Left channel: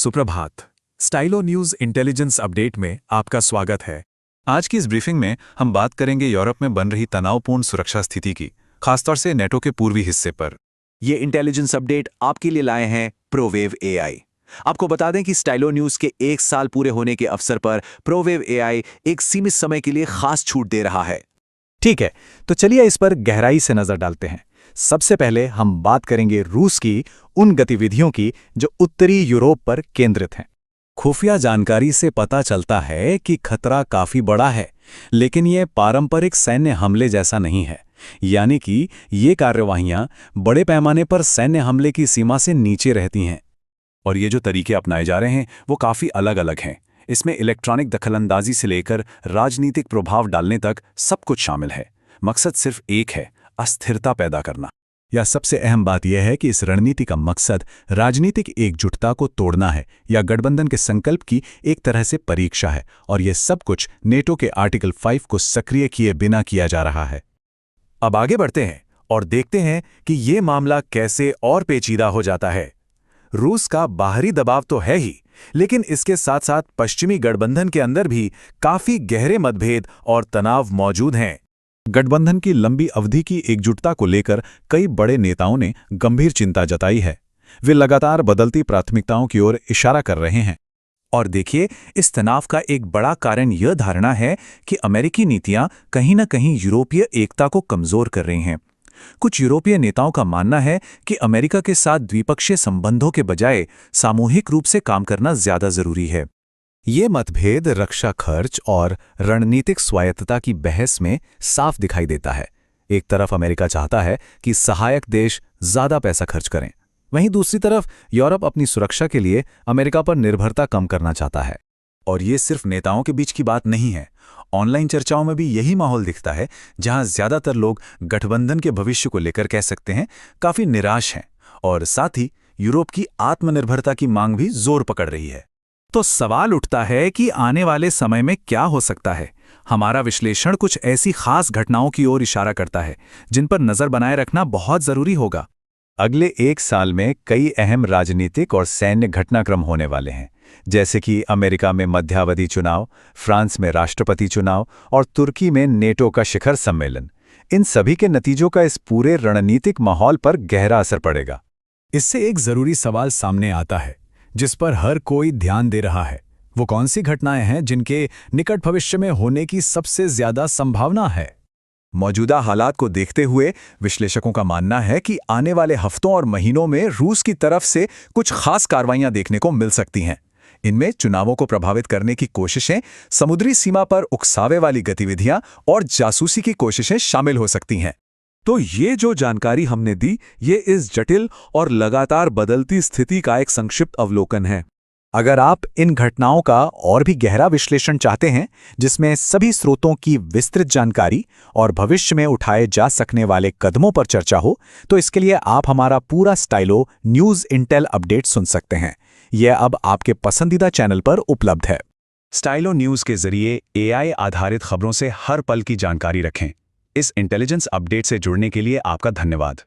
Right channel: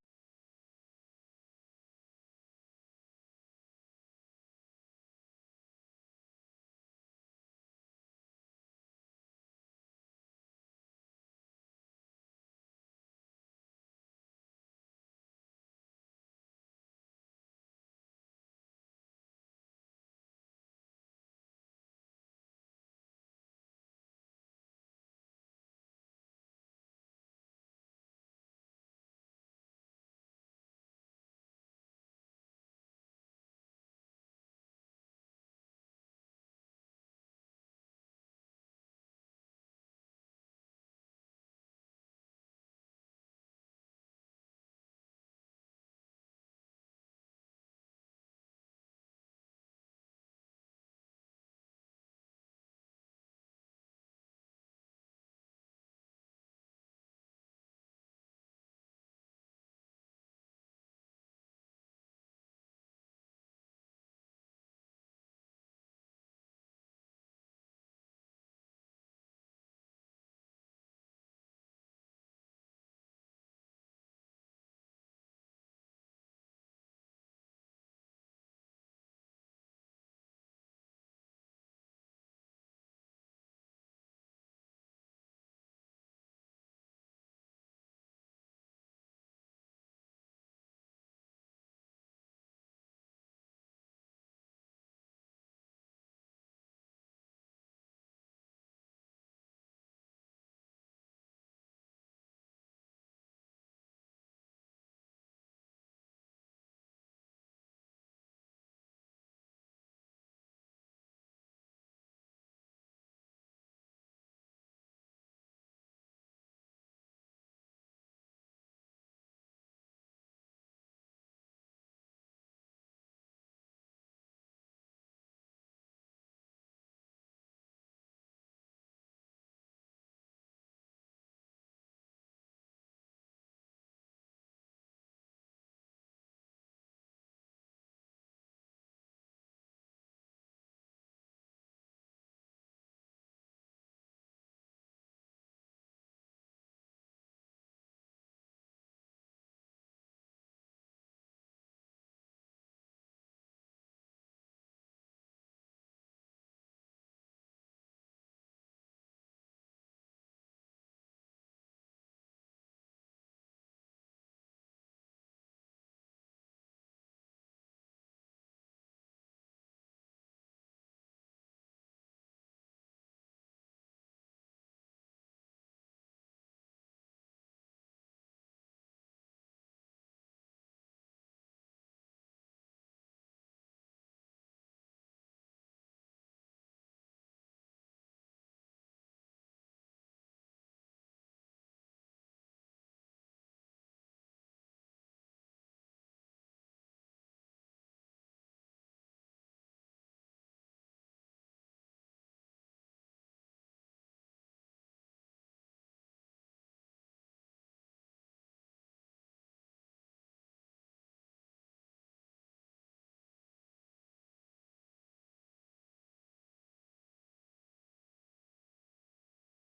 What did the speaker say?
सुप्रभात। Stylo news intelligence update में आपका स्वागत है। आज की इस ब्रीफिंग में हम बात करेंगे यूरोप में बन रही तनावपूर्ण सुरक्षा स्थिति की, खासतौर से नेटो के पूर्वी हिस्से पर। ये इंटेलिजेंस अपडेट आपके लिए लाए हैं प्रोवेव एआई। आपको बता दें कि स्टाइलो न्यूज के 1 साल पूरे होने के अवसर पर प्रोवेव एआई एक सीमित समय के लिए खास छूट दे रहा है। ठीक है, तो चलिए इस पर गहराई से नजर डालते हैं। सबसे पहले हम बात करेंगे रूस की उन गतिविधियों की जो उत्तरी यूरोप पर केंद्रित हैं। खुफिया जानकारी से पता चलता है कि खतरा काफी बड़ा है, लेकिन ये पारंपरिक सैन्य हमले जैसा नहीं है। यानी कि ये कार्यवाहियां बड़े पैमाने पर सैन्य हमले की सीमा से नीचे रहती हैं। और ये जो तरीके अपनाए जा रहे हैं वो काफ़ी अलग-अलग हैं। इसमें इलेक्ट्रॉनिक दखलंदाजी से लेकर राजनीतिक प्रभाव डालने तक सब कुछ शामिल है। मकसद सिर्फ एक है, अस्थिरता पैदा करना। या सबसे अहम बात यह है कि इस रणनीति का मकसद राजनीतिक एकजुटता को तोड़ना है या गठबंधन के संकल्प की एक तरह से परीक्षा है, और यह सब कुछ नेटो के आर्टिकल 5 को सक्रिय किए बिना किया जा रहा है। अब आगे बढ़ते हैं और देखते हैं कि ये मामला कैसे और पेचीदा हो जाता है। रूस का बाहरी दबाव तो है ही, लेकिन इसके साथ साथ पश्चिमी गठबंधन के अंदर भी काफी गहरे मतभेद और तनाव मौजूद हैं। गठबंधन की लंबी अवधि की एकजुटता को लेकर कई बड़े नेताओं ने गंभीर चिंता जताई है। वे लगातार बदलती प्राथमिकताओं की ओर इशारा कर रहे हैं। और देखिए, इस तनाव का एक बड़ा कारण यह धारणा है कि अमेरिकी नीतियां कहीं न कहीं यूरोपीय एकता को कमजोर कर रही हैं। कुछ यूरोपीय नेताओं का मानना है कि अमेरिका के साथ द्विपक्षीय संबंधों के बजाय सामूहिक रूप से काम करना ज्यादा जरूरी है। ये मतभेद रक्षा खर्च और रणनीतिक स्वायत्तता की बहस में साफ दिखाई देता है। एक तरफ अमेरिका चाहता है कि सहायक देश ज्यादा पैसा खर्च करें, वहीं दूसरी तरफ यूरोप अपनी सुरक्षा के लिए अमेरिका पर निर्भरता कम करना चाहता है। और ये सिर्फ नेताओं के बीच की बात नहीं है। ऑनलाइन चर्चाओं में भी यही माहौल दिखता है, जहां ज्यादातर लोग गठबंधन के भविष्य को लेकर कह सकते हैं काफी निराश हैं, और साथ ही यूरोप की आत्मनिर्भरता की मांग भी जोर पकड़ रही है। तो सवाल उठता है कि आने वाले समय में क्या हो सकता है। हमारा विश्लेषण कुछ ऐसी खास घटनाओं की ओर इशारा करता है जिन पर नजर बनाए रखना बहुत जरूरी होगा। अगले 1 साल में कई अहम राजनीतिक और सैन्य घटनाक्रम होने वाले हैं, जैसे कि अमेरिका में मध्यावधि चुनाव, फ्रांस में राष्ट्रपति चुनाव और तुर्की में नेटो का शिखर सम्मेलन। इन सभी के नतीजों का इस पूरे रणनीतिक माहौल पर गहरा असर पड़ेगा। इससे एक जरूरी सवाल सामने आता है जिस पर हर कोई ध्यान दे रहा है। वो कौन सी घटनाएं हैं जिनके निकट भविष्य में होने की सबसे ज्यादा संभावना है? मौजूदा हालात को देखते हुए विश्लेषकों का मानना है कि आने वाले हफ्तों और महीनों में रूस की तरफ से कुछ खास कार्रवाइयां देखने को मिल सकती हैं। इनमें चुनावों को प्रभावित करने की कोशिशें, समुद्री सीमा पर उकसावे वाली गतिविधियां और जासूसी की कोशिशें शामिल हो सकती हैं। तो ये जो जानकारी हमने दी, ये इस जटिल और लगातार बदलती स्थिति का एक संक्षिप्त अवलोकन है। अगर आप इन घटनाओं का और भी गहरा विश्लेषण चाहते हैं, जिसमें सभी स्रोतों की विस्तृत जानकारी और भविष्य में उठाए जा सकने वाले कदमों पर चर्चा हो, तो इसके लिए आप हमारा पूरा स्टाइलो न्यूज़ इंटेल अपडेट सुन सकते हैं। यह अब आपके पसंदीदा चैनल पर उपलब्ध है। स्टाइलो न्यूज़ के जरिए एआई आधारित खबरों से हर पल की जानकारी रखें। इस इंटेलिजेंस अपडेट से जुड़ने के लिए आपका धन्यवाद।